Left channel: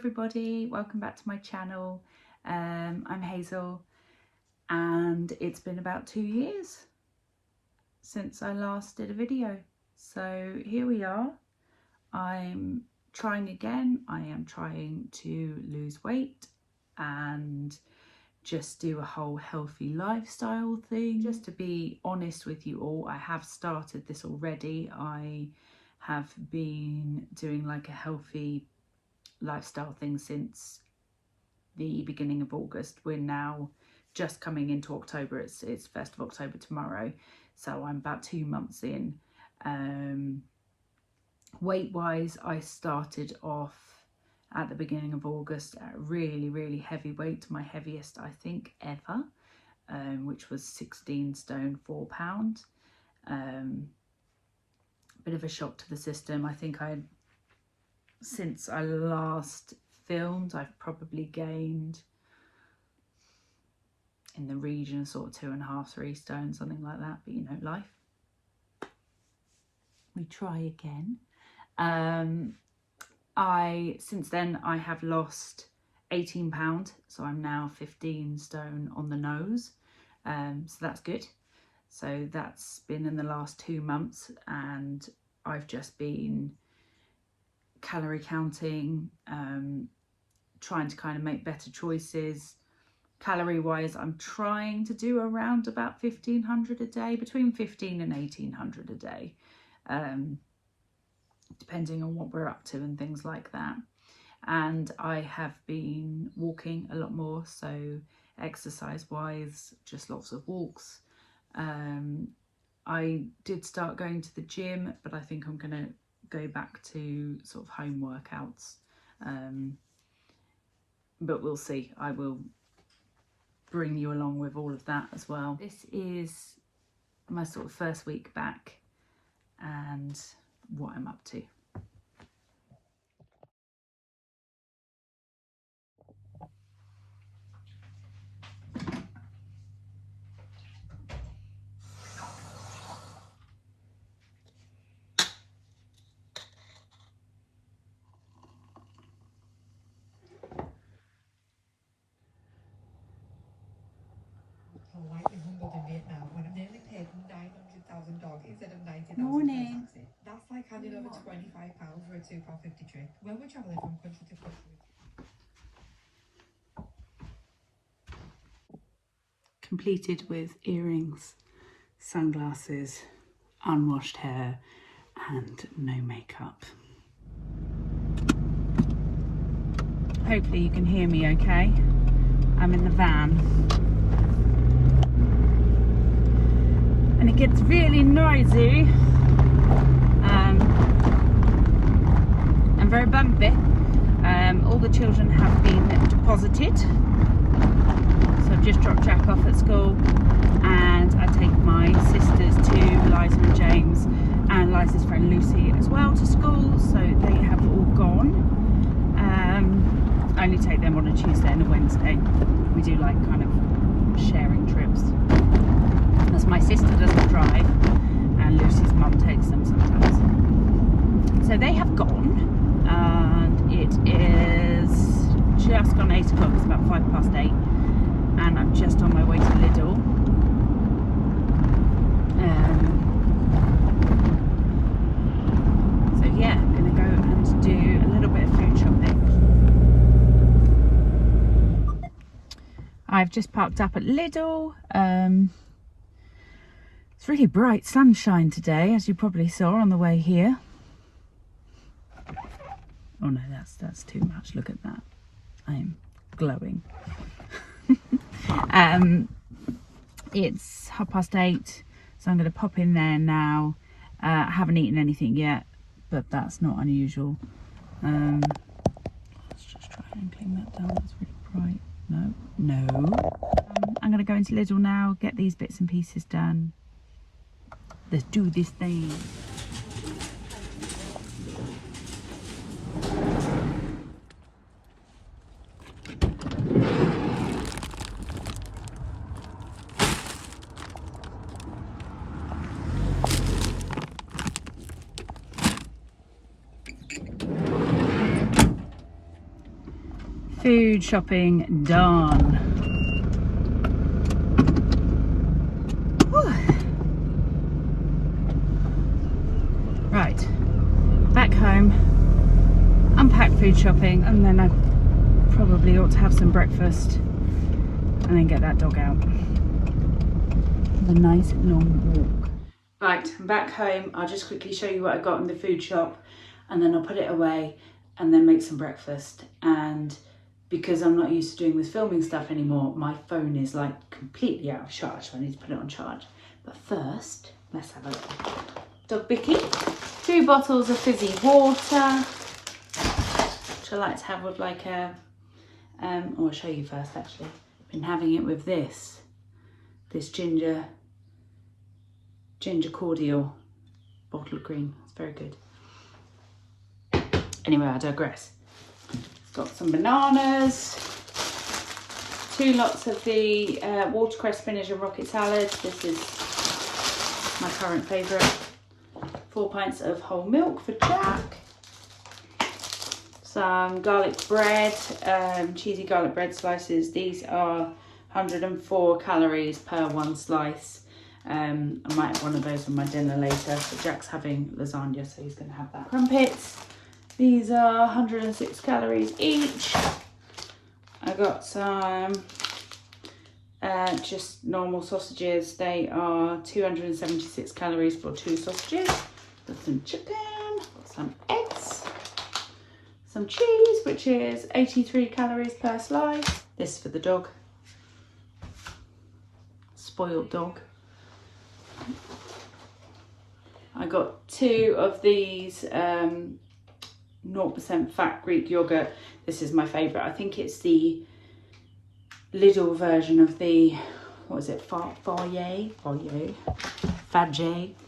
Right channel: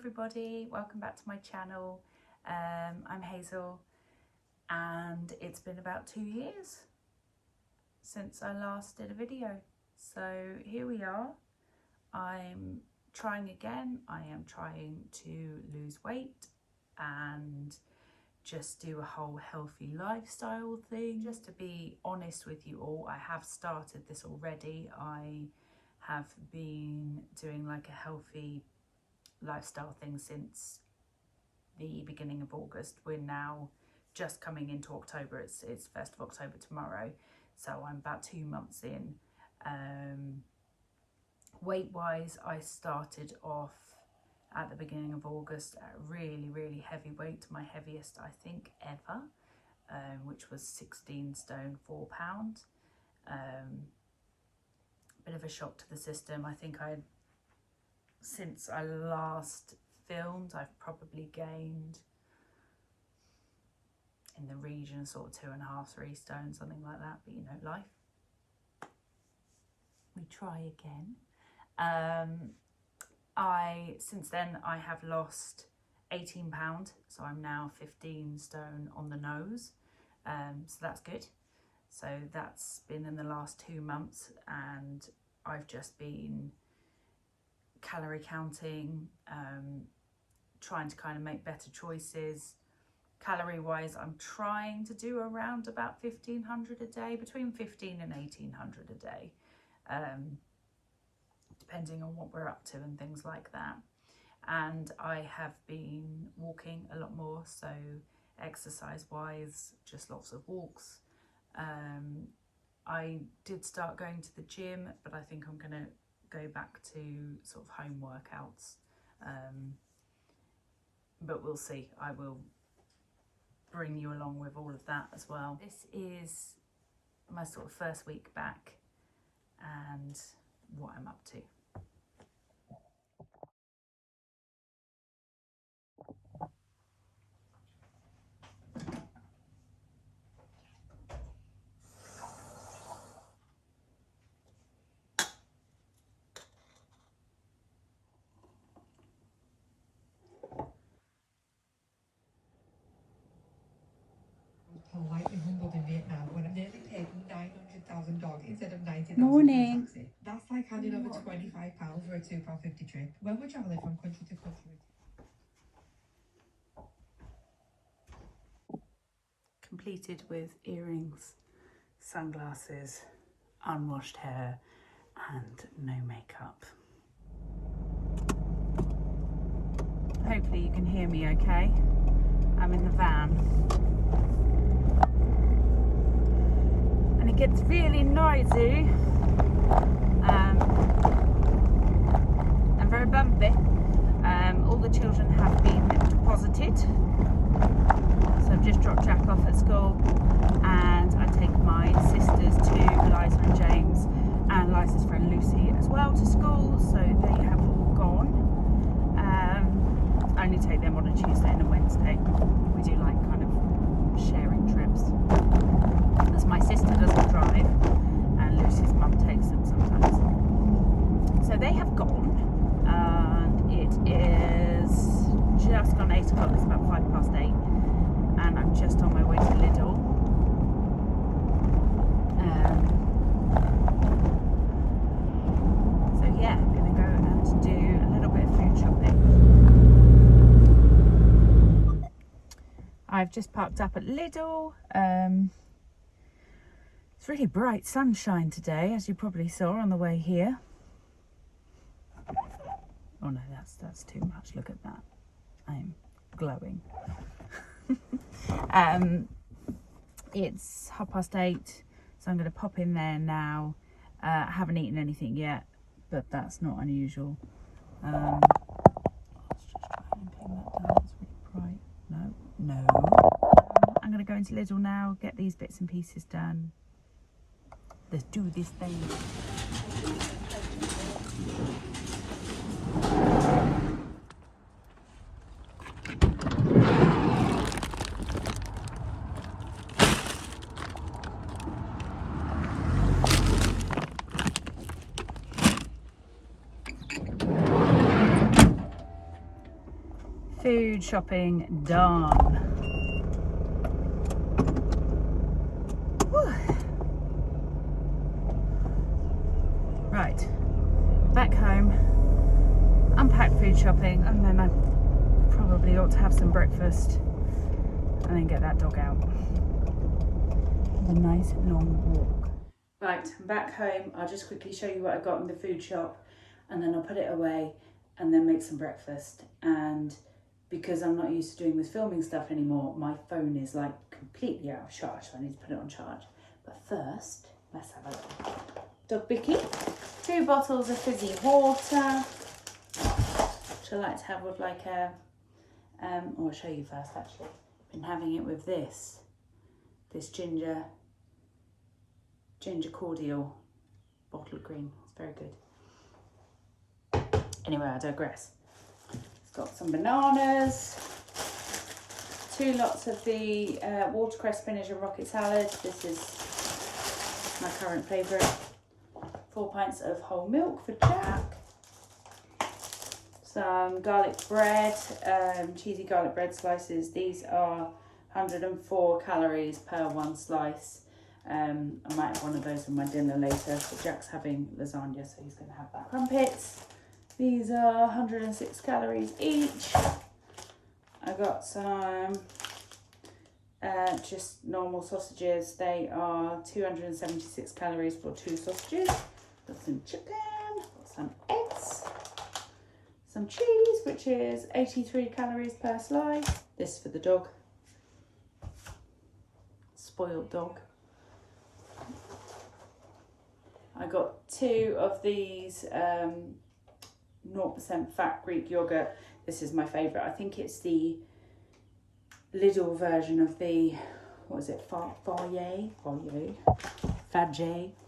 everybody, welcome back to my channel. I'm Hazel and it's been about 2 years since I last did a video, so here we are. I'm trying again. I am trying to lose weight and just do a whole healthy lifestyle thing. Just to be honest with you all, I have started this already. I have been doing like a healthy lifestyle thing since the beginning of August. We're now just coming into October. It's 1st of October tomorrow, so I'm about 2 months in. Weight wise, I started off at the beginning of August at really heavy weight, my heaviest I think ever, which was 16 stone 4 pounds. Bit of a shock to the system. I think since I last filmed, I've probably gained in the region of sort of 2.5, 3 stone, something like that. But you know, life. We try again. Since then I have lost 18 pounds, so I'm now 15 stone on the nose. So that's good. So that's been in the last 2 months, and I've just been calorie counting, trying to kind of make better choices. Calorie wise, I'm trying to do around about 1500 a day, between 15 and 1800 a day, depending on what we're up to and things like that. And I have been walking a lot more, so exercise wise, just lots of walks. I did start going to the gym, but I think I'm gonna go back to sort of home workouts, but we'll see. I will bring you along with all of that as well. This is my sort of first week back and what I'm up to. Morning. That's like handing over £25 for a £2.50 trip. When we're travelling from country to country. Completed with earrings, sunglasses, unwashed hair and no makeup. Hopefully you can hear me okay. I'm in the van. And it gets really noisy and very bumpy. All the children have been deposited, so I've just dropped Jack off at school, and I take my sisters to Liza and James and Liza's friend Lucy as well to school, so they have all gone. I only take them on a Tuesday and a Wednesday. We do like kind of sharing trips, as my sister doesn't drive and Lucy's mum takes them sometimes. So they have gone, and it is just gone 8 o'clock. It's about 8:05, and I'm just on my way to Lidl. So yeah, I'm gonna go and do a little bit of food shopping. I've just parked up at Lidl. It's really bright sunshine today, as you probably saw on the way here. Oh no, that's too much. Look at that. I'm glowing. It's 8:30, so I'm going to pop in there now. I haven't eaten anything yet, but that's not unusual. Let's just try and clean that down. It's really bright. No. I'm going to go into Lidl now, get these bits and pieces done. Let's do this thing. Food shopping done. Whew. Right, back home, unpack food shopping, and then I probably ought to have some breakfast and then get that dog out. The nice long walk. Right, I'm back home. I'll just quickly show you what I got in the food shop and then I'll put it away and then make some breakfast. And because I'm not used to doing this filming stuff anymore, my phone is like completely out of charge, so I need to put it on charge. But first, let's have a look. Dog Bicky, 2 bottles of fizzy water, which I like to have with like a, I'll show you first actually. Been having it with this ginger cordial bottle of green. It's very good. Anyway, I digress. It's got some bananas, 2 lots of the watercress, spinach and rocket salad. This is my current favourite. 4 pints of whole milk for Jack. Some garlic bread, cheesy garlic bread slices. These are 104 calories per 1 slice. I might have one of those for my dinner later. So Jack's having lasagna, so he's going to have that. Crumpets. These are 106 calories each. I got some just normal sausages. They are 276 calories for 2 sausages. Got some chicken, got some eggs, some cheese, which is 83 calories per slice. This for the dog. Spoiled dog. I got 2 of these 0% fat Greek yogurt. This is my favourite. I think it's the Lidl version of the, what is it, Fage.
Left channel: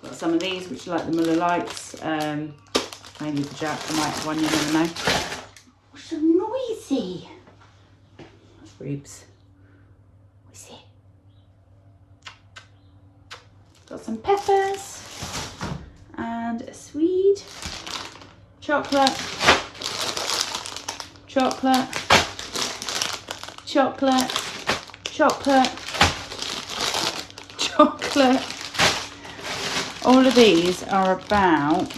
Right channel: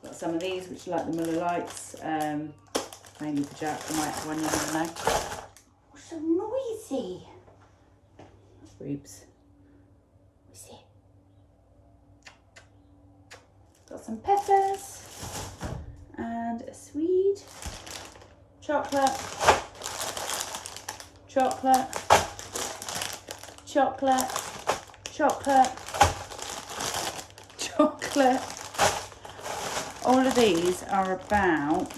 Got some of these, which are like the Muller Lights. Mainly for Jack. I might have one, you never know. What's so noisy? Rubes. What's it? Got some peppers and a Swede. Chocolate, chocolate, chocolate, chocolate, chocolate. All of these are about,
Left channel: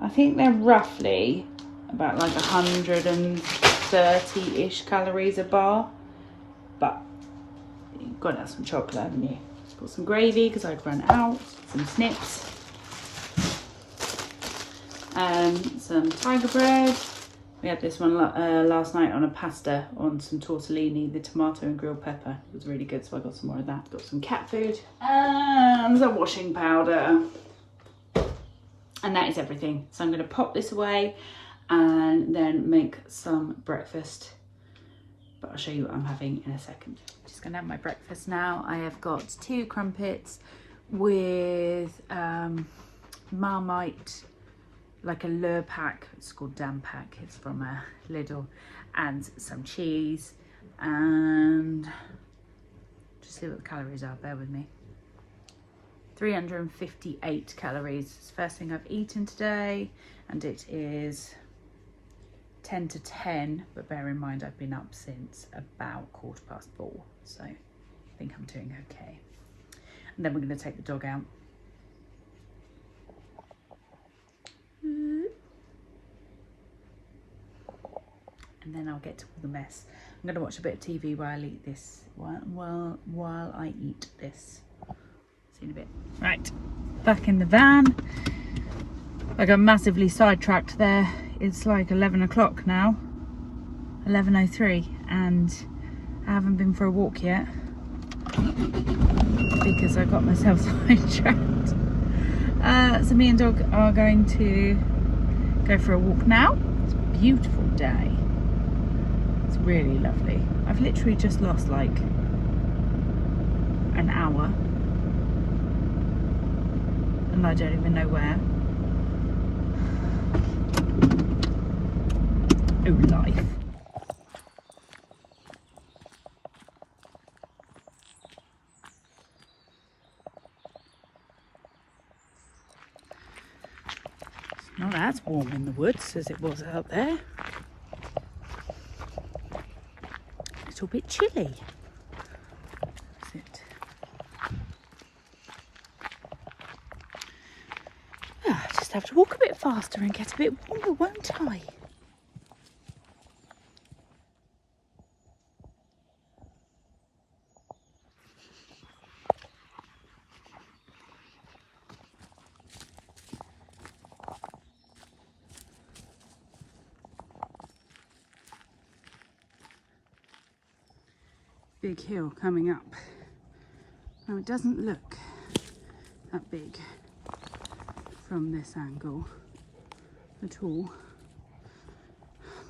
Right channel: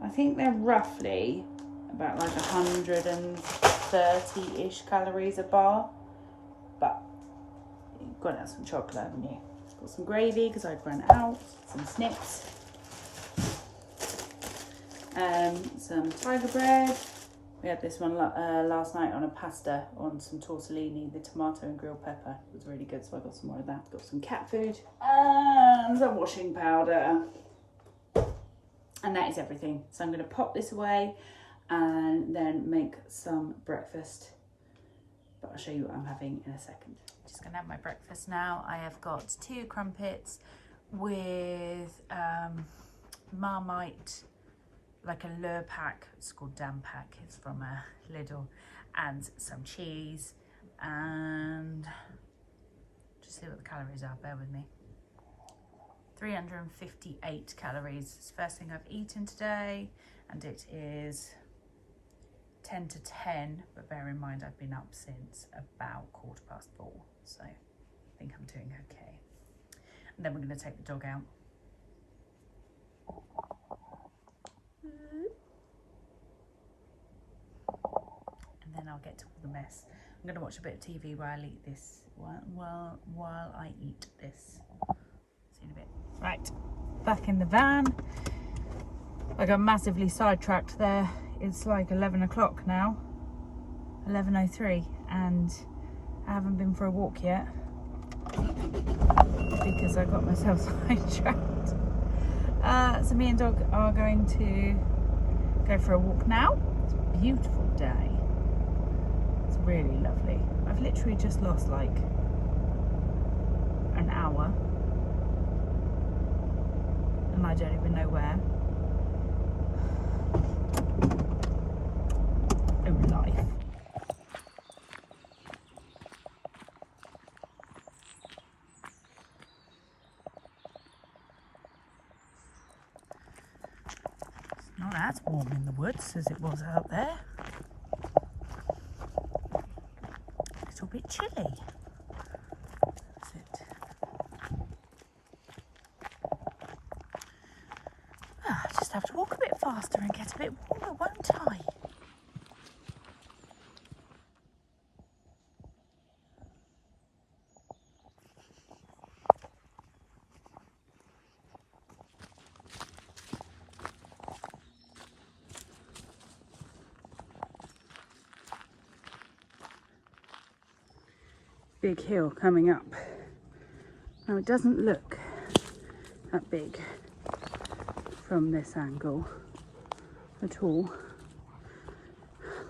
I think they're roughly about like 130-ish calories a bar, but you've got to have some chocolate, haven't you? Got some gravy because I'd run out, some snips. Some tiger bread. We had this one last night on a pasta on some tortellini, the tomato and grilled pepper. It was really good, so I got some more of that. Got some cat food and some washing powder. And that is everything. So I'm going to pop this away and then make some breakfast. But I'll show you what I'm having in a second. Just going to have my breakfast now. I have got 2 crumpets with Marmite, like a Lure pack. It's called Dan pack. It's from Lidl, and some cheese, and just see what the calories are. Bear with me. 358 calories. It's the first thing I've eaten today, and it is 10 to 10. But bear in mind, I've been up since about 4:15, so I think I'm doing okay. And then we're going to take the dog out. And then I'll get to all the mess. I'm going to watch a bit of TV while I eat this. While I eat this. See you in a bit. Right, back in the van. I got massively sidetracked there. It's like 11 o'clock now. 11:03, and I haven't been for a walk yet because I got myself sidetracked. So me and dog are going to go for a walk now. It's a beautiful day. It's really lovely. I've literally just lost like an hour and I don't even know where. Oh, life. Not as warm in the woods as it was out there. A little bit chilly. Is it? I just have to walk a bit faster and get a bit warmer, won't I? Big hill coming up. Now it doesn't look that big from this angle at all,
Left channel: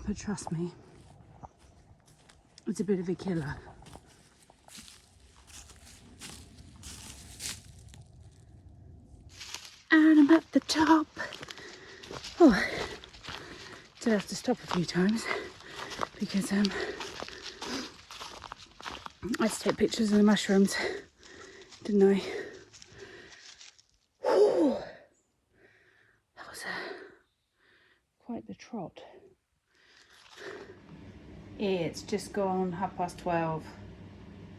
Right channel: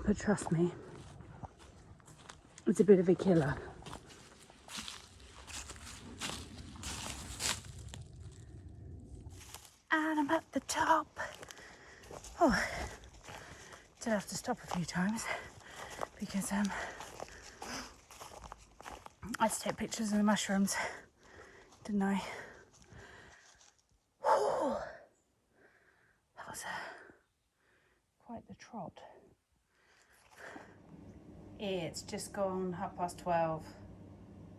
but trust me, it's a bit of a killer. And I'm at the top. Oh, did have to stop a few times because I had to take pictures of the mushrooms, didn't I? Whew. That was quite the trot. It's just gone 12:30.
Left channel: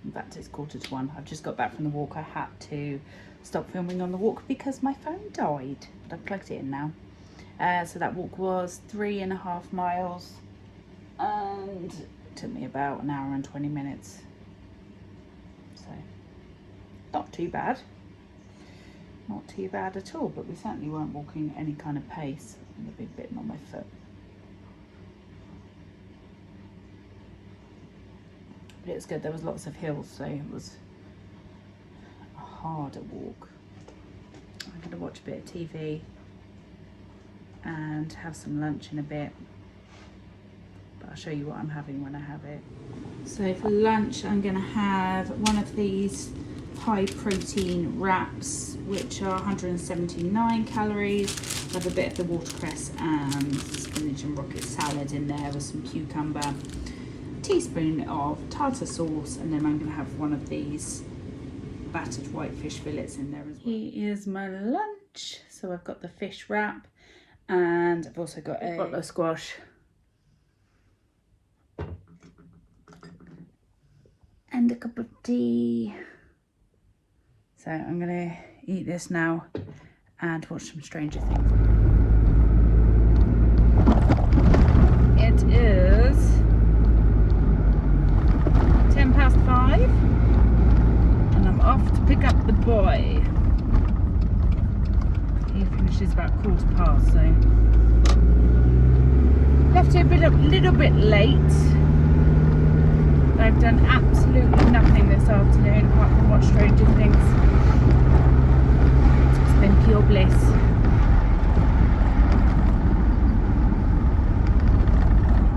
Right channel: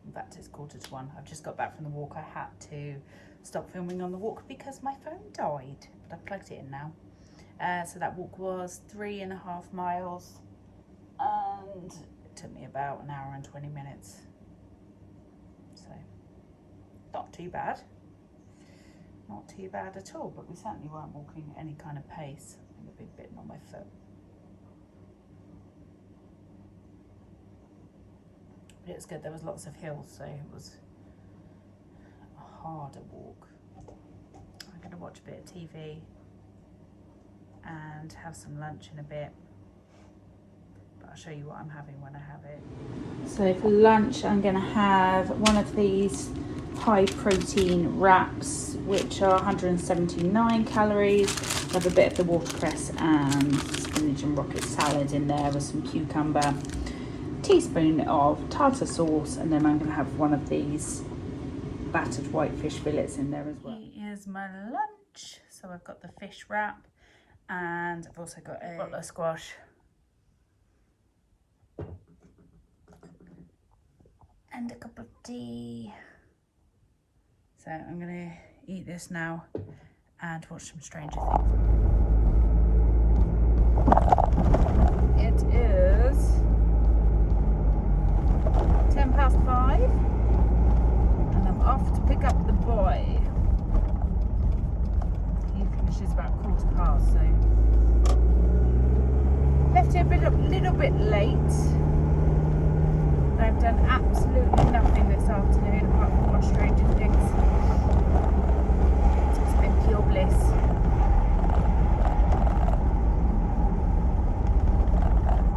In fact, it's 1:45. I've just got back from the walk. I had to stop filming on the walk because my phone died, but I've plugged it in now. So that walk was 3.5 miles and it took me about an hour and 20 minutes. So not too bad. Not too bad at all, but we certainly weren't walking any kind of pace. I'm a big bit on my foot. But it was good. There was lots of hills, so it was a harder walk. I'm going to watch a bit of TV and have some lunch in a bit, but I'll show you what I'm having when I have it. So for lunch I'm going to have one of these high protein wraps, which are 179 calories. I have a bit of the watercress and spinach and rocket salad in there with some cucumber, teaspoon of tartar sauce, and then I'm going to have one of these battered white fish fillets in there as well. Here is my lunch. So I've got the fish wrap and I've also got a bottle of squash and a cup of tea. So I'm going to eat this now and watch some Stranger Things. It is 5:10 and I'm off to pick up the boy. He finishes about 1/4 so left it a little bit late. I've done absolutely nothing this afternoon apart from watch Stranger Things. It's been pure bliss.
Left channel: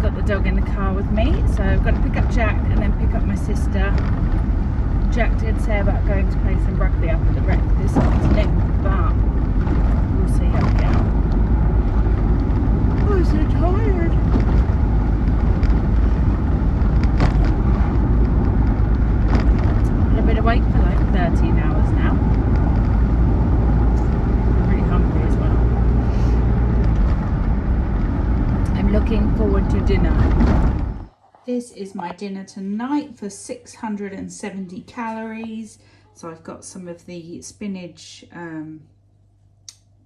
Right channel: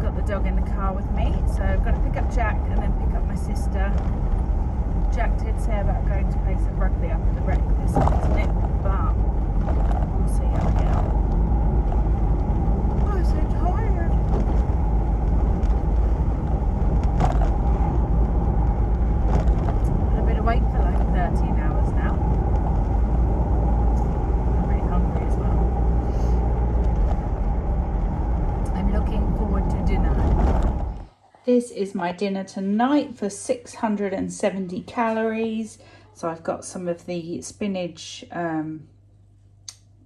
Got the dog in the car with me, so I've got to pick up Jack and then pick up my sister. Jack did say about going to play some rugby up at the rec this afternoon, but we'll see how we get on. I'm so tired. I've been awake for like 13 hours now. I'm really hungry as well. I'm looking forward to dinner. This is my dinner tonight for 670 calories. So I've got some of the spinach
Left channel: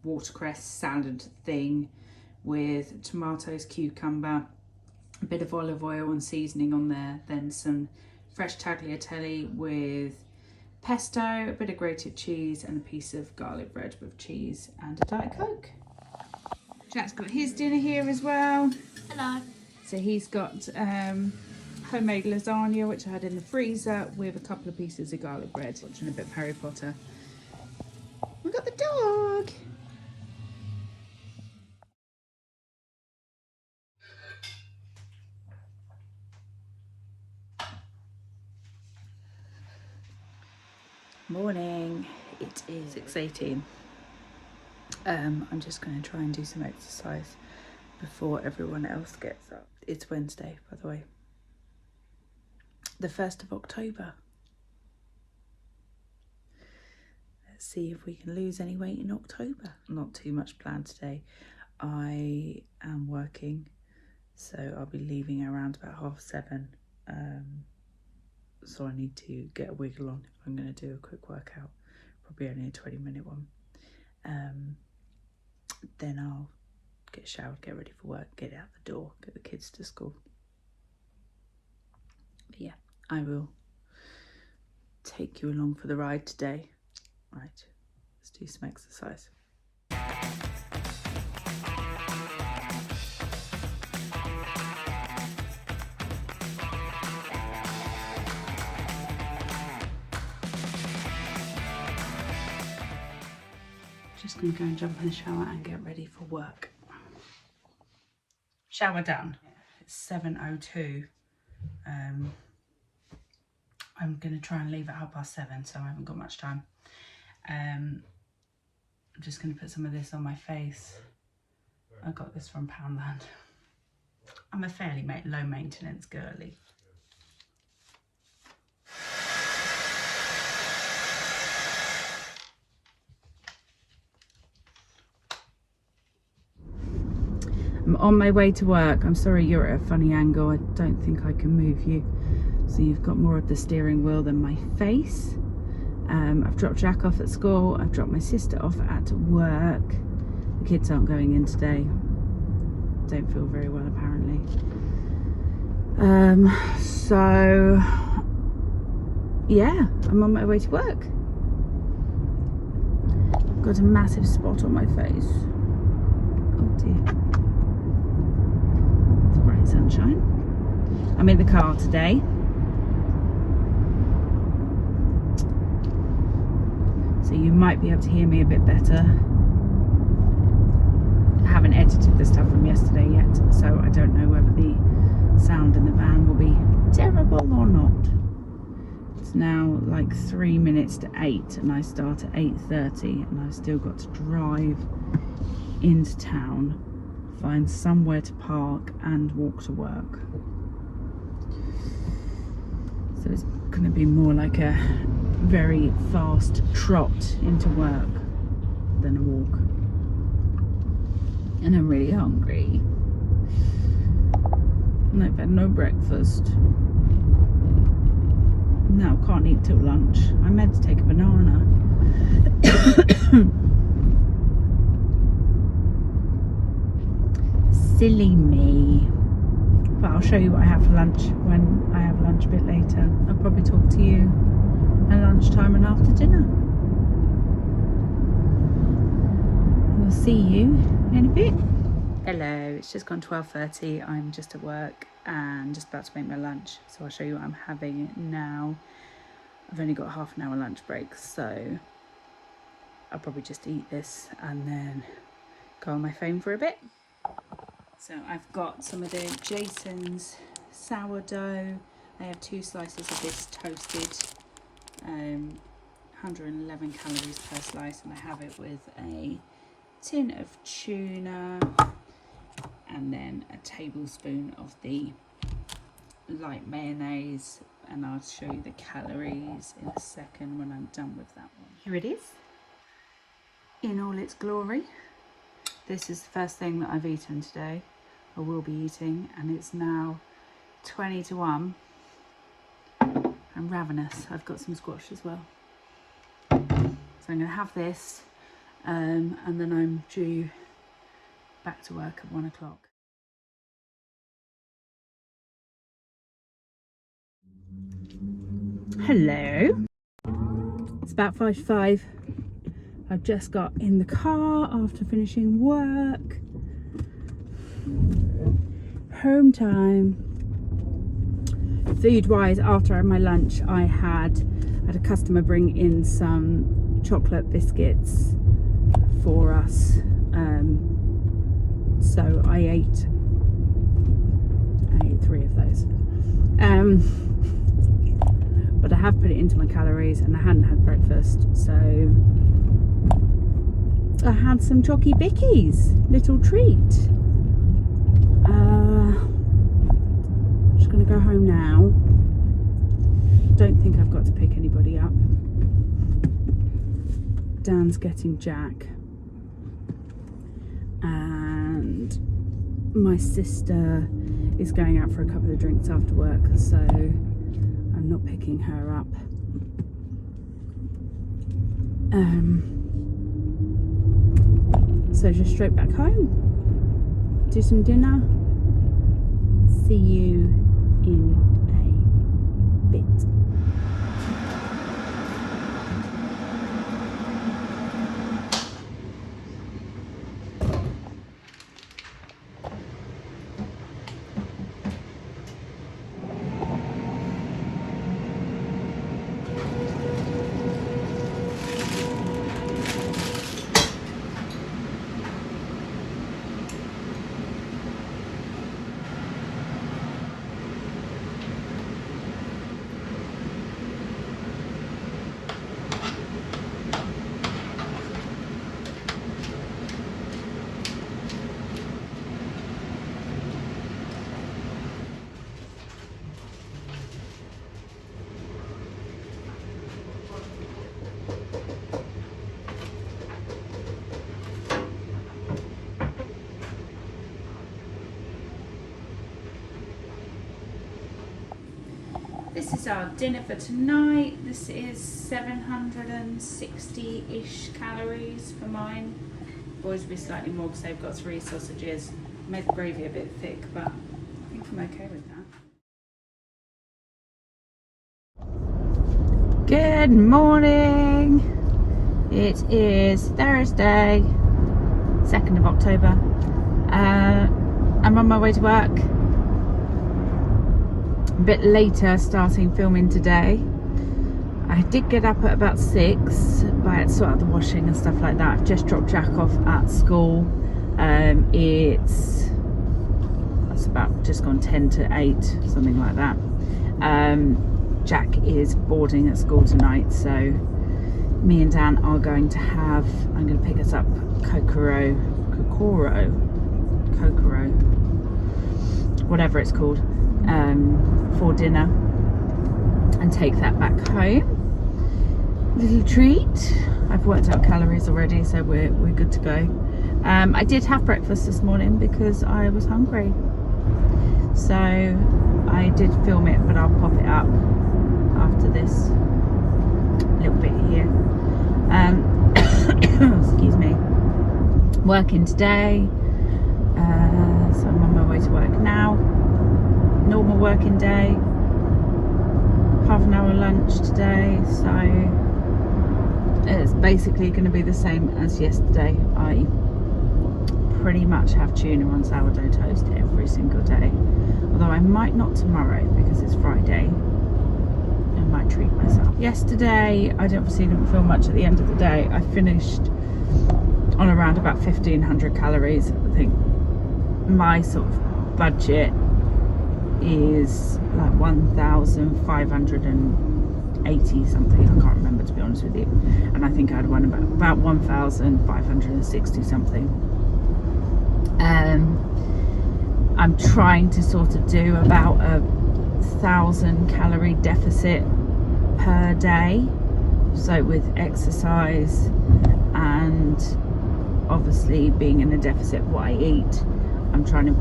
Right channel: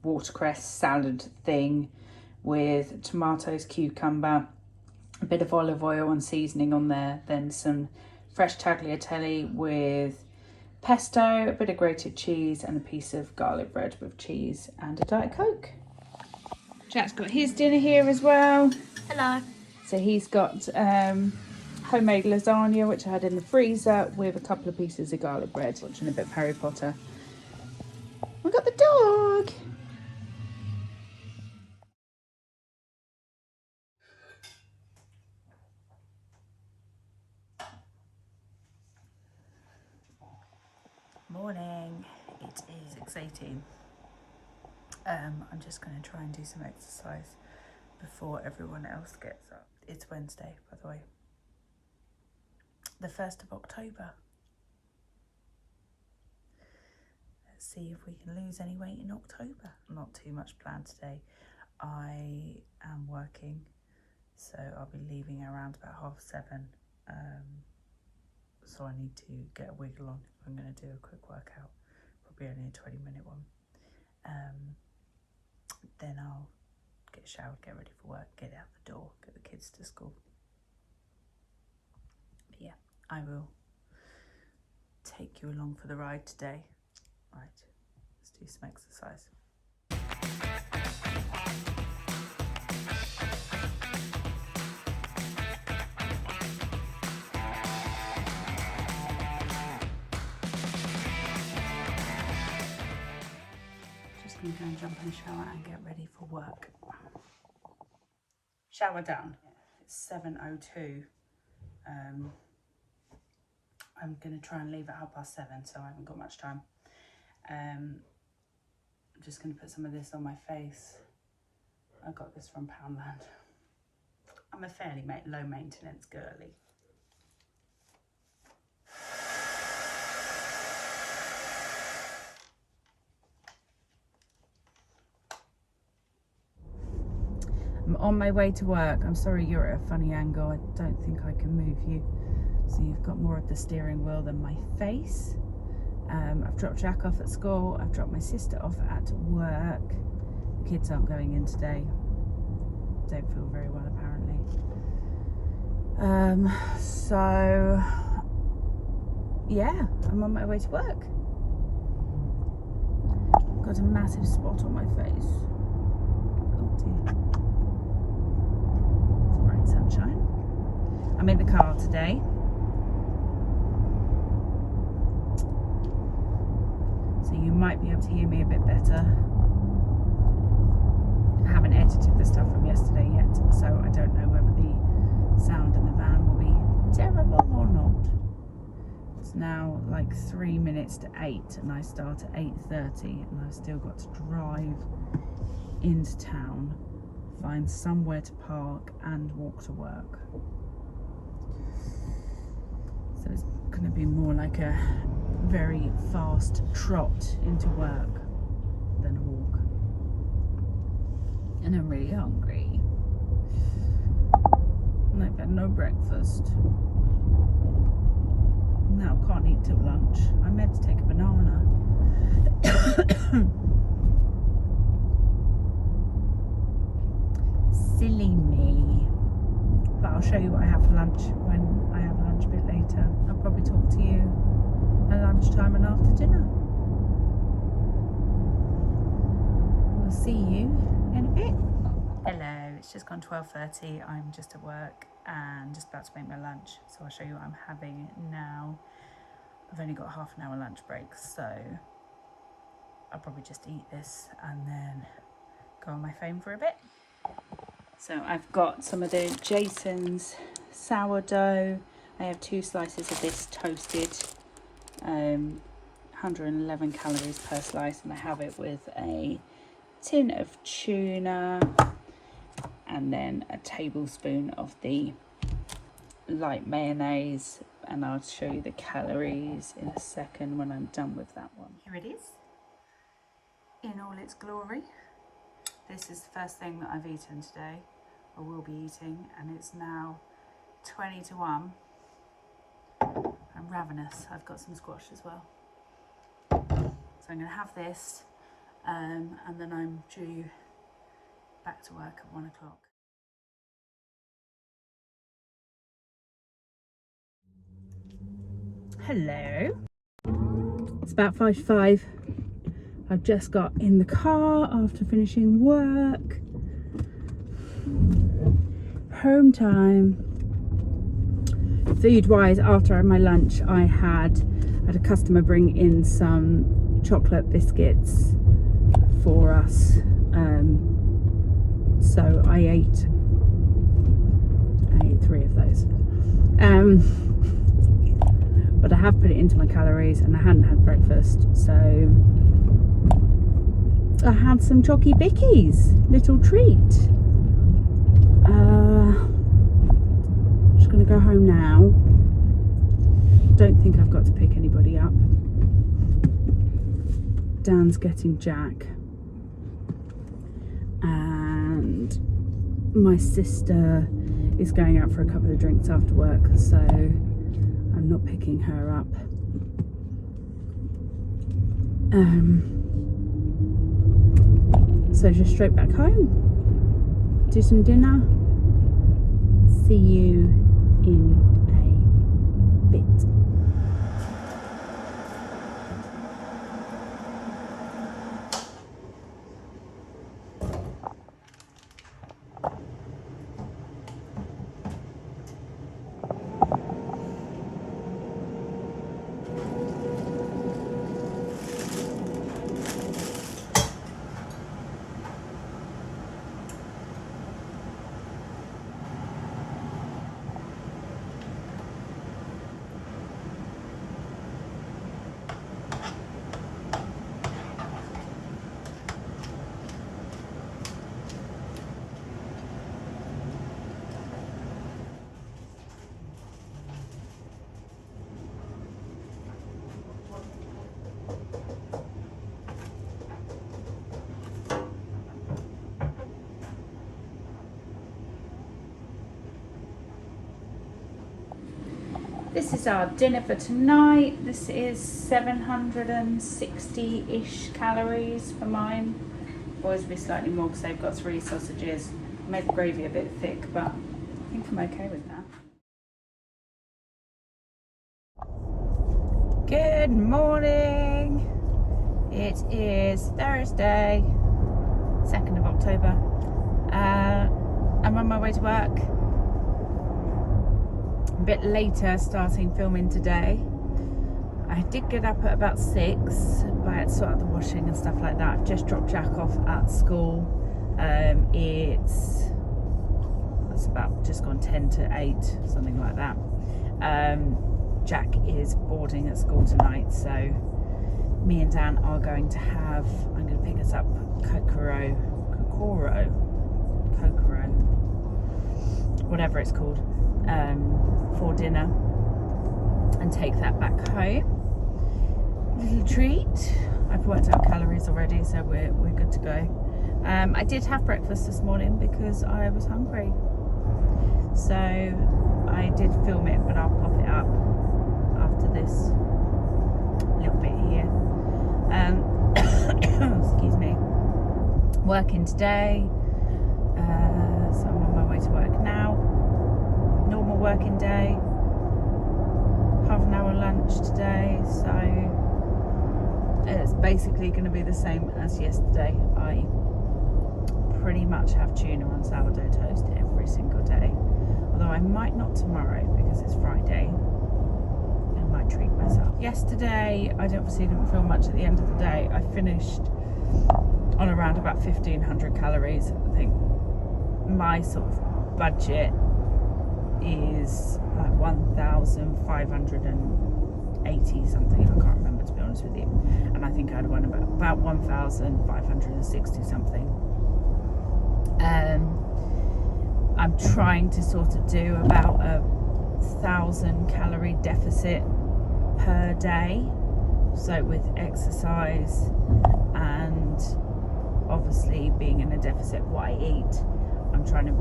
watercress salad thing with tomatoes, cucumber, a bit of olive oil and seasoning on there, then some fresh tagliatelle with pesto, a bit of grated cheese and a piece of garlic bread with cheese and a Diet Coke. Jack's got his dinner here as well. Hello. So he's got homemade lasagna, which I had in the freezer, with a couple of pieces of garlic bread. Watching a bit of Harry Potter. We got the dog. Morning. It is 6:18. I'm just going to try and do some exercise before everyone else gets up. It's Wednesday, by the way. The 1st of October. Let's see if we can lose any weight in October. Not too much planned today. I am working, so I'll be leaving around about 7:30. So I need to get a wiggle on if I'm going to do a quick workout, probably only a 20-minute one. Then I'll get showered, get ready for work, get out the door, get the kids to school. But yeah, I will take you along for the ride today. Right, let's do some exercise. Just going to go and jump in the shower and get ready for work. Shower done. It's 7:02. I'm going to try and leave at 7:30, so I haven't got much time. I'm just going to put some of this on my face. I got this from Poundland. I'm a fairly low maintenance girly. I'm on my way to work. I'm sorry you're at a funny angle. I don't think I can move you. So you've got more of the steering wheel than my face. I've dropped Jack off at school. I've dropped my sister off at work. The kids aren't going in today. Don't feel very well apparently. So yeah, I'm on my way to work. Got a massive spot on my face. Oh dear. It's bright sunshine. I'm in the car today. So you might be able to hear me a bit better. I haven't edited the stuff from yesterday yet, so I don't know whether the sound in the van will be terrible or not. It's now like 3 minutes to 8 and I start at 8:30 and I've still got to drive into town, find somewhere to park and walk to work. So it's going to be more like a very fast trot into work than a walk. And I'm really hungry. And I've had no breakfast. No, can't eat till lunch. I meant to take a banana. Silly me. But I'll show you what I have for lunch when I have lunch a bit later. I'll probably talk to you at lunchtime and after dinner. We'll see you in a bit. Hello, it's just gone 12:30. I'm just at work and just about to make my lunch, so I'll show you what I'm having now. I've only got half an hour lunch break, so I'll probably just eat this and then go on my phone for a bit. So I've got some of the Jason's sourdough. I have 2 slices of this toasted, 111 calories per slice, and I have it with a tin of tuna and then a tablespoon of the light mayonnaise, and I'll show you the calories in a second when I'm done with that one. Here it is in all its glory. This is the first thing that I've eaten today, or will be eating, and it's now 20 to 1. I'm ravenous. I've got some squash as well. So I'm going to have this and then I'm due back to work at 1 o'clock. Hello. It's about 5:05. I've just got in the car after finishing work. Home time. Food wise, after my lunch I had a customer bring in some chocolate biscuits for us, so I ate 3 of those, but I have put it into my calories and I hadn't had breakfast, so I had some Chocky Bickies, little treat. Just gonna go home now. Don't think I've got to pick anybody up. Dan's getting Jack, and my sister is going out for a couple of drinks after work, so I'm not picking her up. So just straight back home, do some dinner, see you in a bit. This is our dinner for tonight. This is 760-ish calories for mine. Boys will be slightly more because they've got 3 sausages. I made the gravy a bit thick, but I think I'm okay with that. Good morning. It is Thursday, 2nd of October. I'm on my way to work. A bit later starting filming today. I did get up at about 6, but I had to sort out the washing and stuff like that. I've just dropped Jack off at school. It's about just gone 10 to 8, something like that. Jack is boarding at school tonight, so me and Dan are going to have, I'm going to pick us up Kokoro, whatever it's called, for dinner, and take that back home. Little treat. I've worked out calories already, so we're good to go. I did have breakfast this morning because I was hungry, so I did film it, but I'll pop it up after this little bit here. Excuse me. Working today, so I'm on my way to work now. Normal working day, half an hour lunch today, so it's basically going to be the same as yesterday. I pretty much have tuna on sourdough toast every single day, although I might not tomorrow because it's Friday. I might treat myself. Yesterday I obviously didn't film much at the end of the day. I finished on around about 1500 calories. I think my sort of budget is like 1,580 something. I can't remember, to be honest with you, and I think I had one about 1,560 something. I'm trying to sort of do about 1,000 calorie deficit per day, so with exercise and obviously being in a deficit what I eat, I'm trying to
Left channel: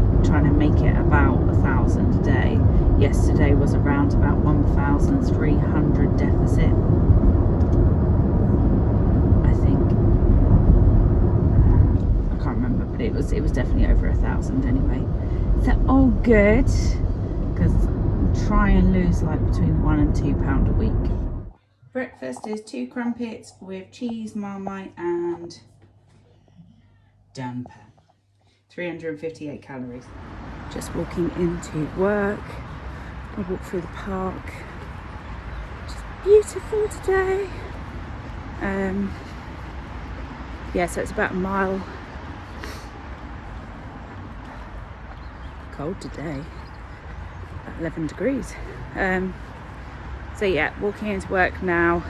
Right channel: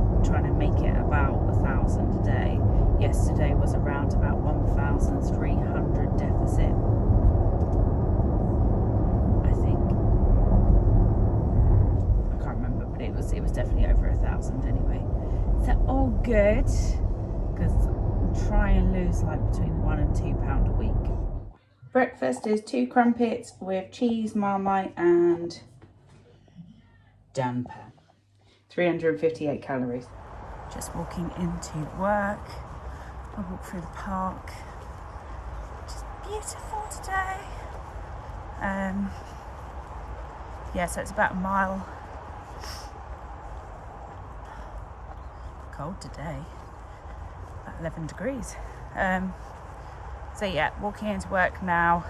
make it about 1,000 a day. Yesterday was around about 1,300 deficit, I think. I can't remember, but it was definitely over 1,000 anyway. So all good, because I'm trying to lose like between 1 and 2 pound a week. Breakfast is 2 crumpets with cheese, Marmite and damper. 358 calories. Just walking into work. I walk through the park. Just beautiful today. Yeah, so it's about a mile. Cold today. 11 degrees. So yeah, walking into work now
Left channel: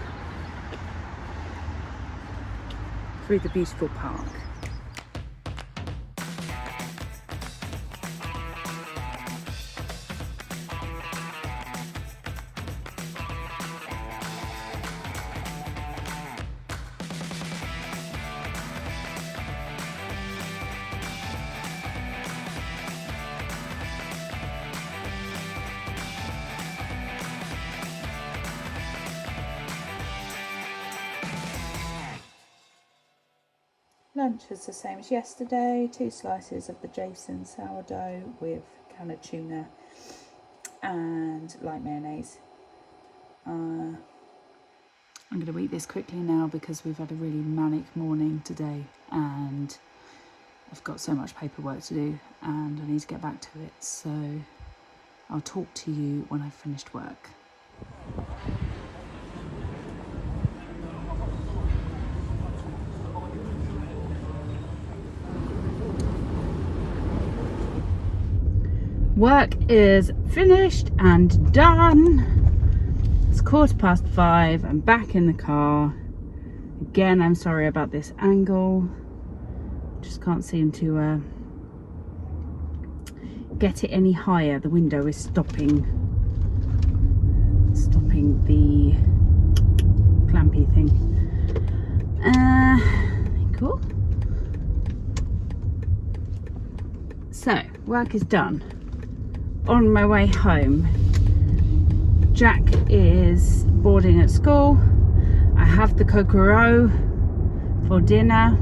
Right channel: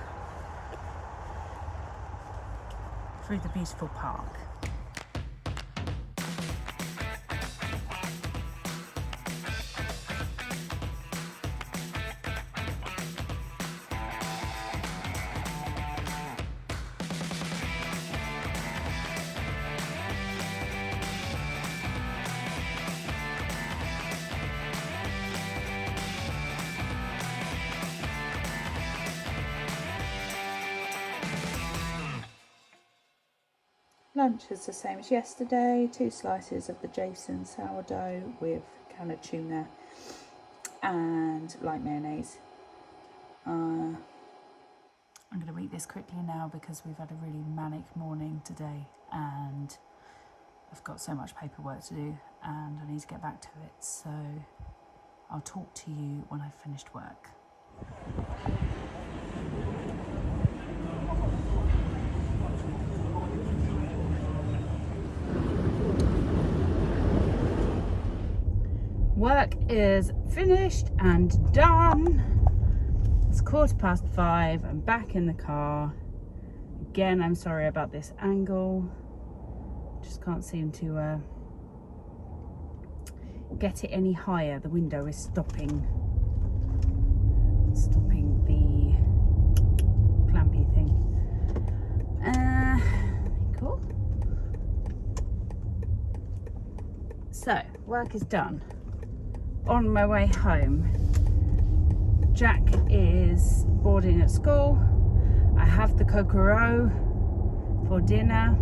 through the beautiful park. lunch is the same as yesterday. 2 slices of the Jason sourdough with a can of tuna and light mayonnaise. I'm going to eat this quickly now because we've had a really manic morning today and I've got so much paperwork to do and I need to get back to it. So I'll talk to you when I've finished work. Work is finished and done. It's 5:15. I'm back in the car. Again, I'm sorry about this angle. Just can't seem to get it any higher. The window is stopping the clampy thing. Cool. So, work is done. On my way home, Jack is boarding at school. I have the Kokoro for dinner.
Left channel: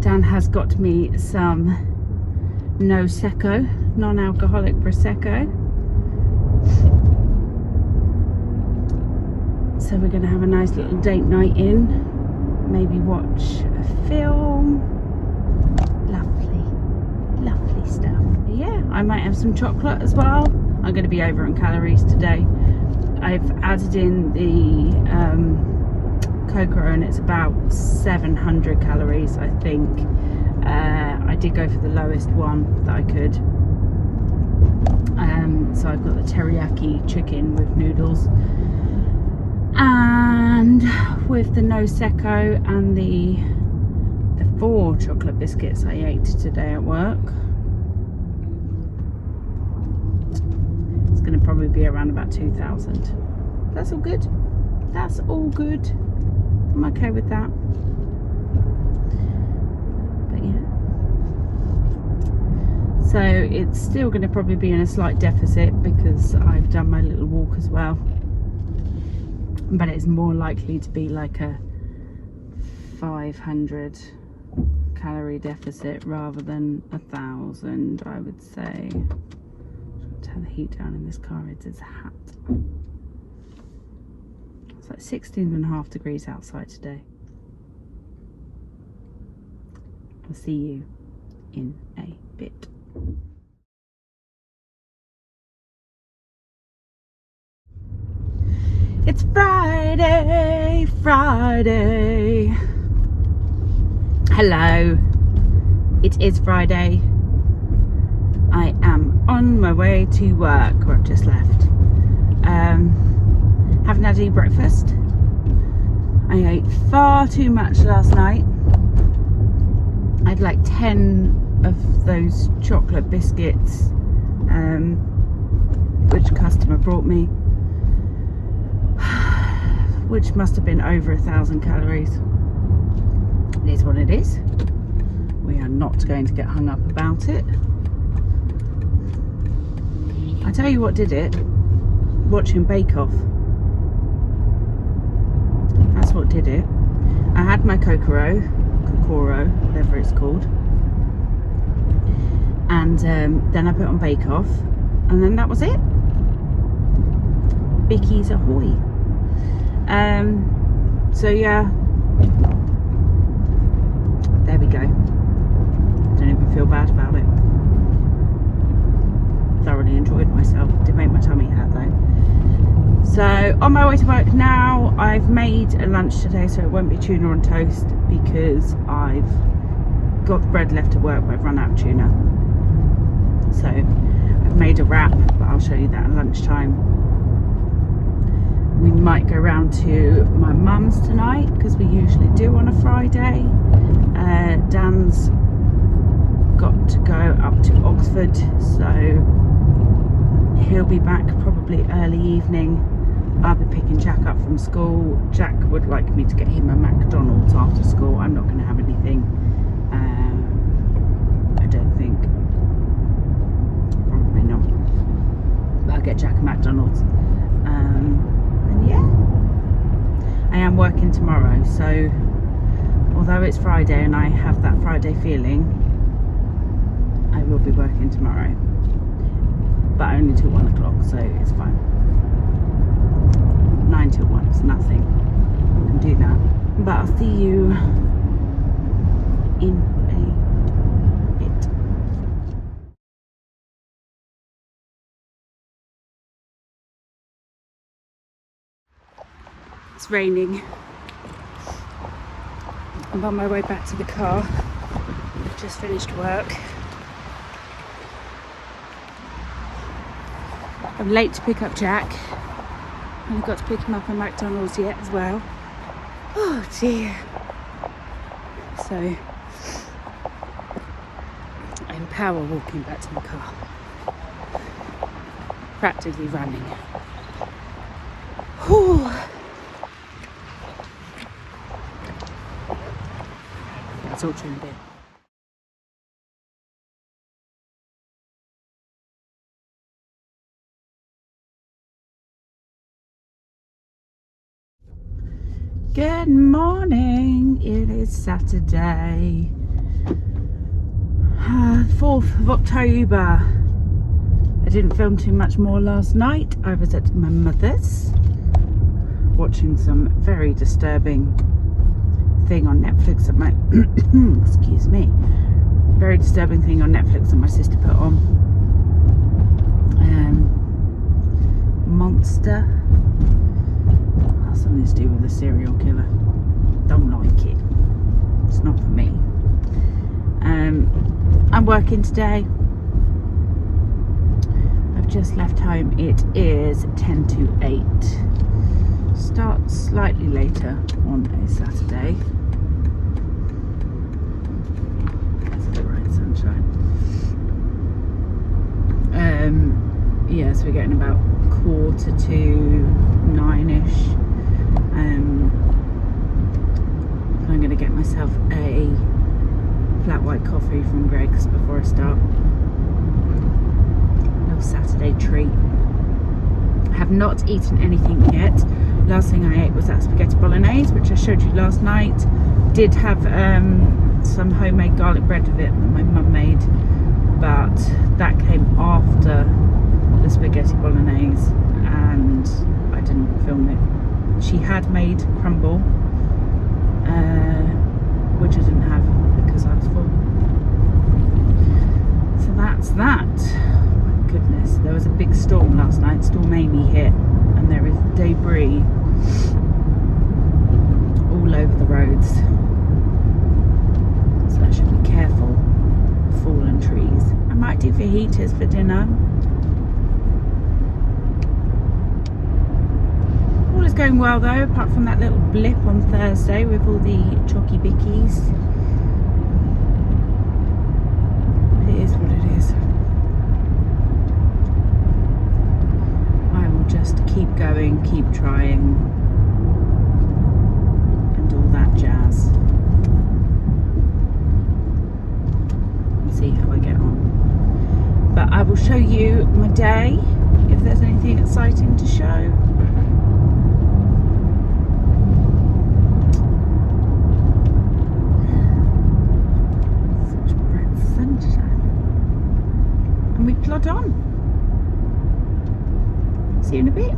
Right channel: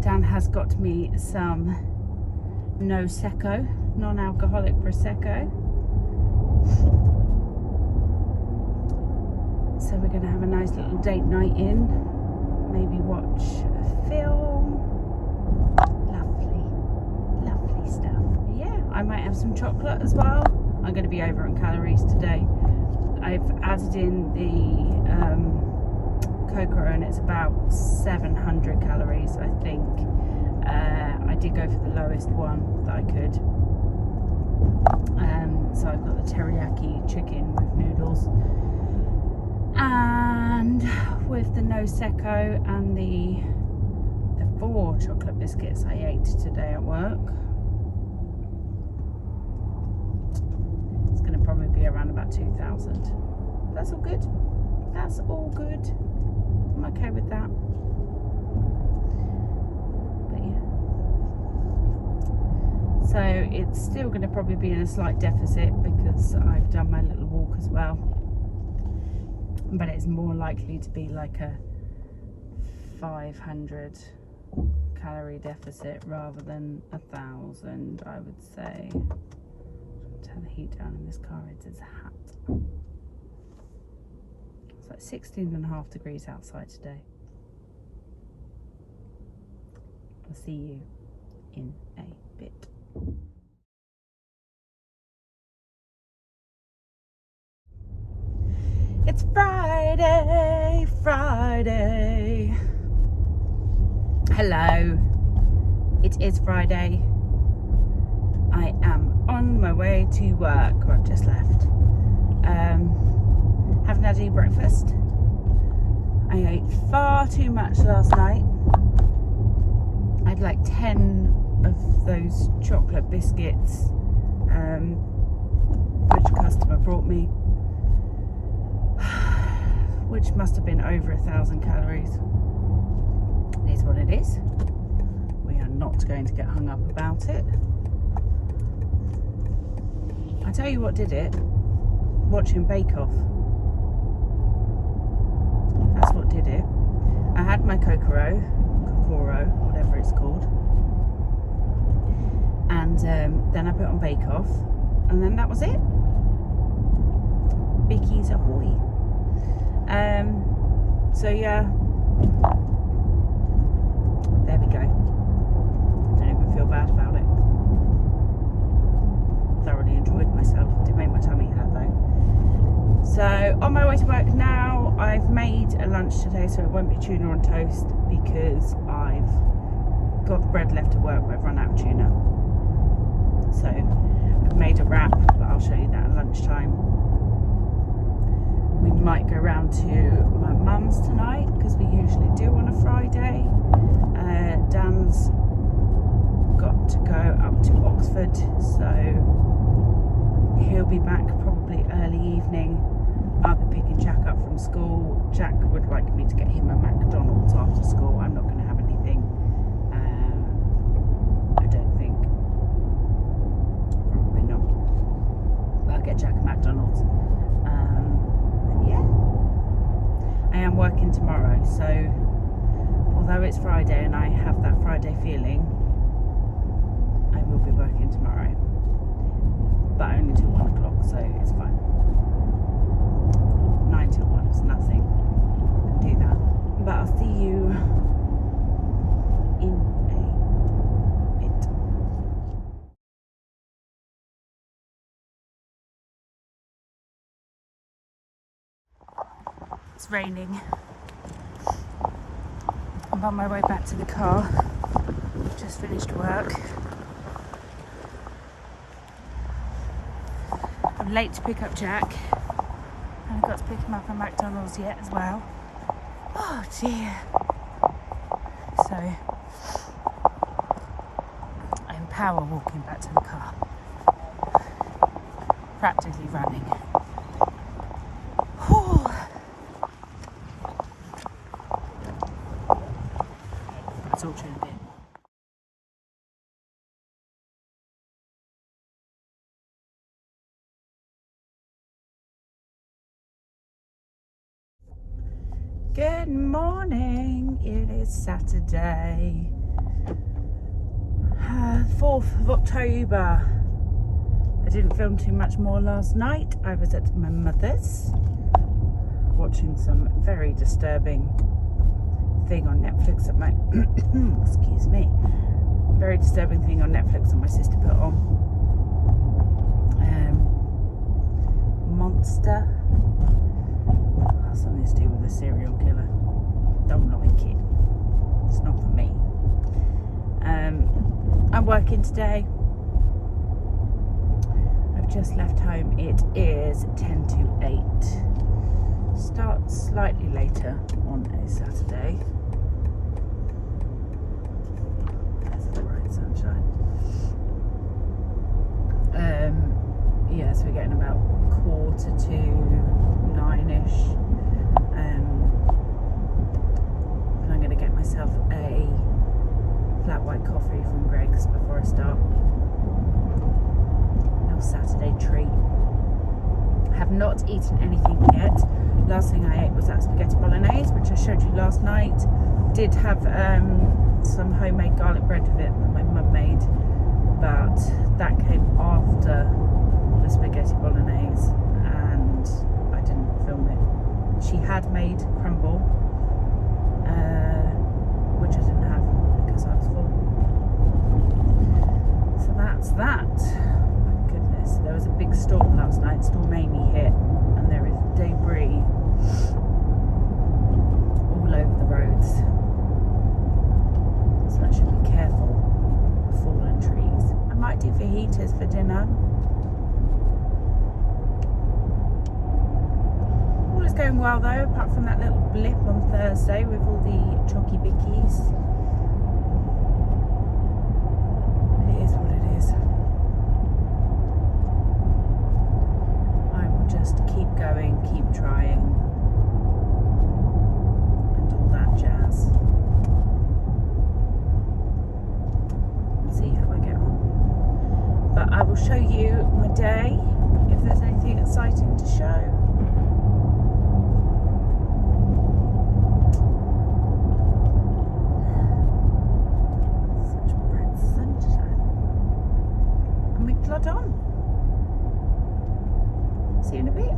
Dan has got me some Prosecco, non-alcoholic Prosecco. So we're going to have a nice little date night in. Maybe watch a film. Lovely stuff. Yeah, I might have some chocolate as well. I'm going to be over on calories today. I've added in the Kokoro and it's about 700 calories, I think. I did go for the lowest one that I could. So I've got the teriyaki chicken with noodles and with the Prosecco and the 4 chocolate biscuits I ate today at work. It's going to probably be around about 2,000. That's all good. That's all good. I'm okay with that. But yeah. So it's still going to probably be in a slight deficit because I've done my little walk as well. But it's more likely to be like a 500 calorie deficit rather than 1,000, I would say. Turn the heat down in this car. It's a hat. It's like 16.5 degrees outside today. I'll see you in a bit. It's Friday. Hello. It is Friday. I am on my way to work, or I've just left. Haven't had any breakfast. I ate far too much last night. I had like 10 of those chocolate biscuits, which a customer brought me, which must have been over 1,000 calories. It is what it is. We are not going to get hung up about it. I tell you what did it, watching Bake Off. That's what did it. I had my Kokoro, whatever it's called, and then I put on Bake Off, and then that was it. Bickies ahoy. So yeah, there we go. Don't even feel bad about it. Thoroughly enjoyed myself. Did make my tummy hurt though. So on my way to work now. I've made a lunch today, so it won't be tuna on toast because I've got the bread left at work, but I've run out of tuna. So I've made a wrap, but I'll show you that at lunchtime. We might go round to my mum's tonight because we usually do on a Friday. Dan's got to go up to Oxford, so he'll be back probably early evening. I'll be picking Jack up from school. Jack would like me to get him a McDonald's after school. I'm not going to have anything. I don't think. Probably not. But I'll get Jack a McDonald's. And yeah, I am working tomorrow, so although it's Friday and I have that Friday feeling, I will be working tomorrow, but only till 1 o'clock, so it's fine. 9 till 1 is nothing. I can do that. But I'll see you in a bit. It's raining. I'm on my way back to the car. I've just finished work. I'm late to pick up Jack. I haven't got to pick him up at McDonald's yet as well. Oh dear. So I'm power walking back to the car. Practically running. Whew. I'll talk to you in a bit. Good morning. It is Saturday, 4th of October. I didn't film too much more last night. I was at my mother's watching some very disturbing thing on Netflix that my excuse me, very disturbing thing on Netflix that my sister put on. Monster. Something to do with a serial killer. Don't like it. It's not for me. I'm working today. I've just left home. It is 10 to 8. Start slightly later on a Saturday. That's the right sunshine. Yeah, so we're getting about 9:45. I'm going to get myself a flat white coffee from Greggs before I start. Little Saturday treat. I have not eaten anything yet. Last thing I ate was that spaghetti bolognese, which I showed you last night. Did have some homemade garlic bread with it that my mum made, but that came after the spaghetti bolognese and I didn't film it. She had made crumble, which I didn't have because I was full. So that's that. Oh my goodness, there was a big storm last night. Storm Amy hit and there is debris all over the roads. So I should be careful of fallen trees. I might do fajitas for dinner. All is going well though, apart from that little blip on Thursday with all the chalky bickies. But it is what it is. I will just keep going, keep trying, and all that jazz. And see how I get on. But I will show you my day, if there's anything exciting to show. Plod on. See you in a bit.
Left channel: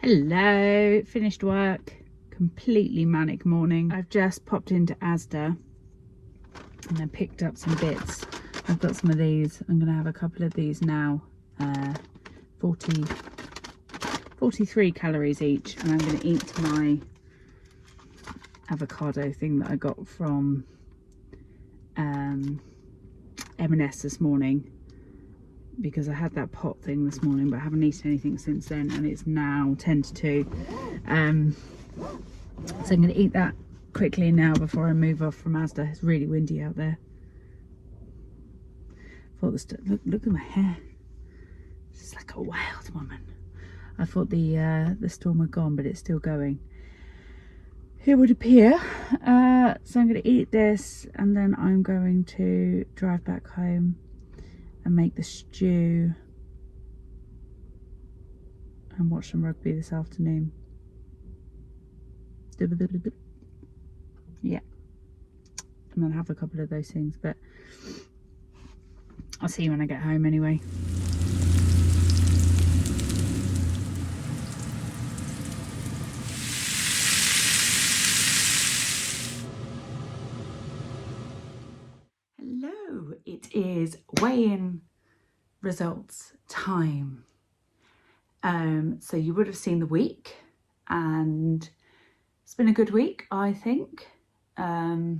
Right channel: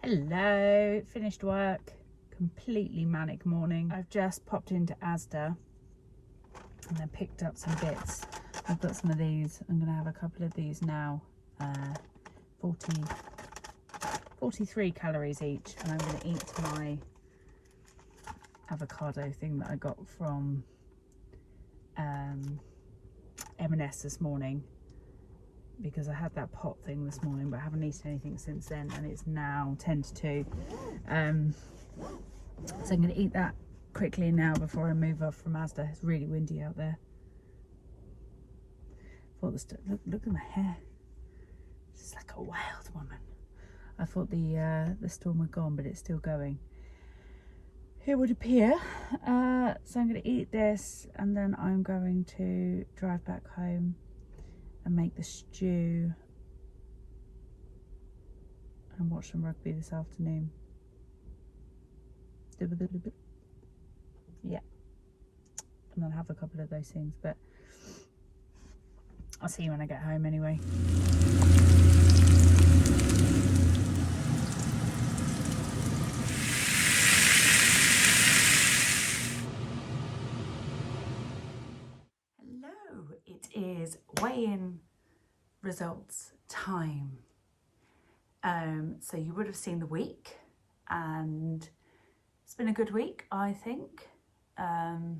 Hello, finished work. Completely manic morning. I've just popped into Asda and I picked up some bits. I've got some of these. I'm going to have a couple of these now. 43 calories each, and I'm going to eat my avocado thing that I got from M&S this morning, because I had that pot thing this morning but I haven't eaten anything since then, and it's now 10 to 2. So I'm going to eat that quickly now before I move off from Asda. It's really windy out there. Look at my hair. It's like a wild woman. I thought the storm had gone, but it's still going. it would appear. So I'm going to eat this and then I'm going to drive back home and make the stew and watch some rugby this afternoon. Yeah, and then have a couple of those things, but I'll see you when I get home anyway. Hello, it is weigh-in results time. So you would have seen the week, and it's been a good week, I think. I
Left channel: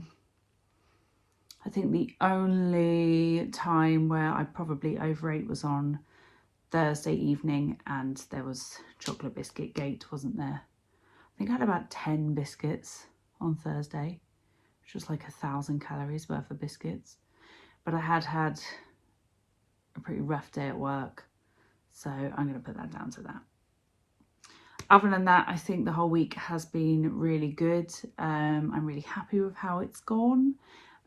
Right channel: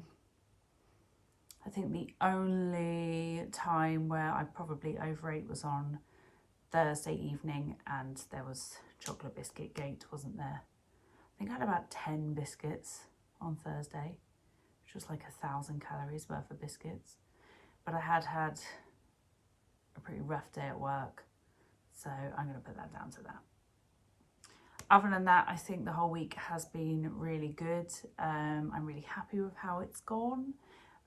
think the only time where I probably overate was on Thursday evening, and there was chocolate biscuit gate, wasn't there? I think I had about 10 biscuits on Thursday, which was like 1,000 calories worth of biscuits. But I had a pretty rough day at work, so I'm going to put that down to that. Other than that, I think the whole week has been really good. I'm really happy with how it's gone.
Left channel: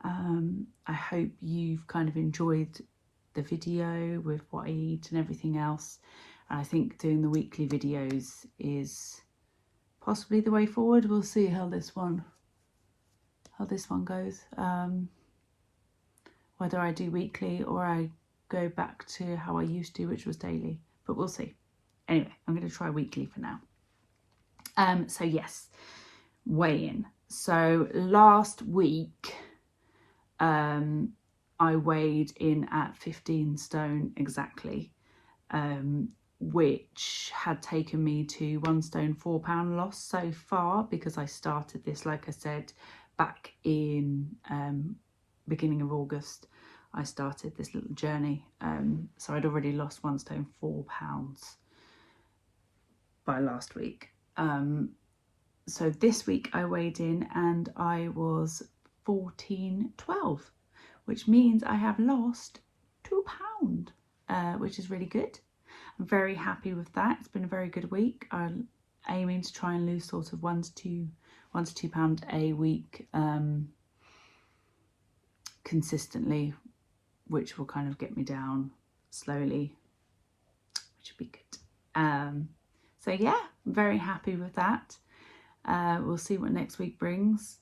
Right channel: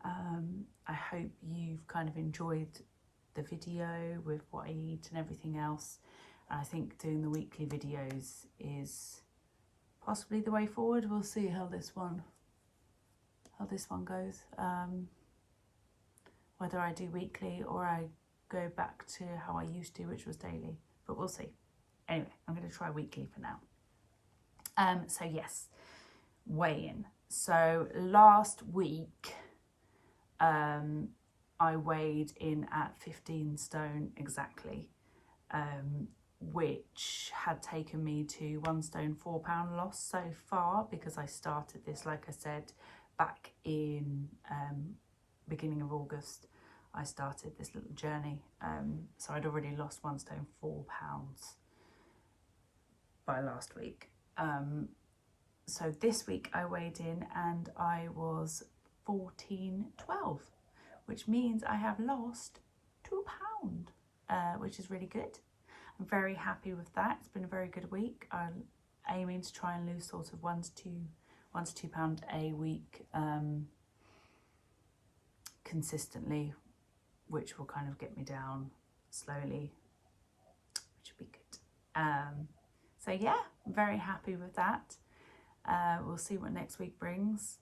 I hope you've kind of enjoyed the video with what I eat and everything else. And I think doing the weekly videos is possibly the way forward. We'll see how this one goes. Whether I do weekly or I go back to how I used to, which was daily, but we'll see. Anyway, I'm going to try weekly for now. So yes, weigh-in. So last week, I weighed in at 15 stone exactly, which had taken me to 1 stone 4 pound loss so far, because I started this, like I said, back in beginning of August. I started this little journey, so I'd already lost 1 stone 4 pounds by last week. So this week I weighed in and I was 14.12, which means I have lost 2 pounds, which is really good. I'm very happy with that. It's been a very good week. I'm aiming to try and lose sort of 1 to 2 pounds a week consistently, which will kind of get me down slowly, which would be good. So yeah, I'm very happy with that. We'll see what next week brings.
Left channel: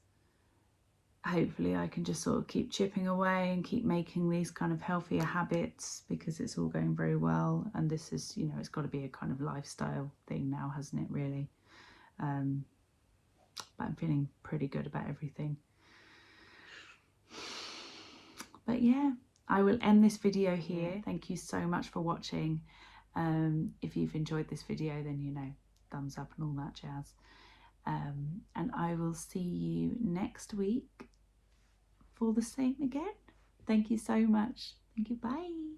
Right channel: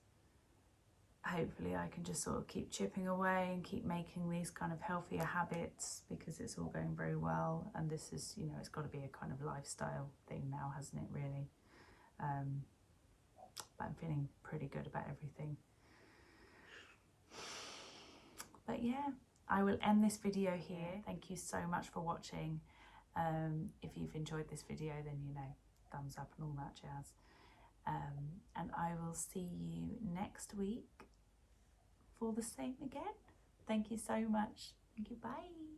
Hopefully I can just sort of keep chipping away and keep making these kind of healthier habits, because it's all going very well. And this is, you know, it's got to be a kind of lifestyle thing now, hasn't it, really? But I'm feeling pretty good about everything. But yeah, I will end this video here. Thank you so much for watching. If you've enjoyed this video, then, you know, thumbs up and all that jazz. And I will see you next week for the same again. Thank you so much. Thank you. Bye.